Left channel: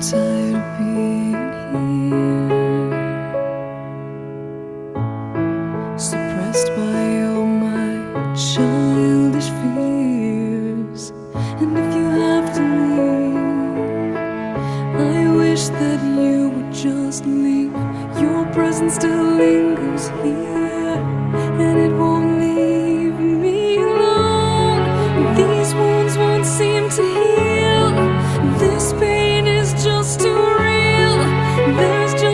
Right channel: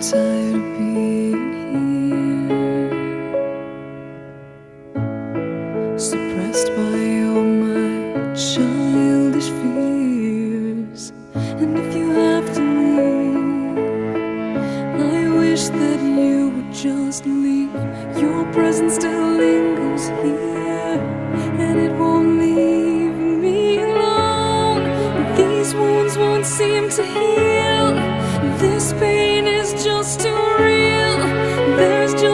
tired of being here, suppressed by all my childish fears. And if you have to leave, I wish that you would just leave. Your presence still lingers here, and it won't leave me alone. These wounds won't seem to heal. This pain is just too real. There's just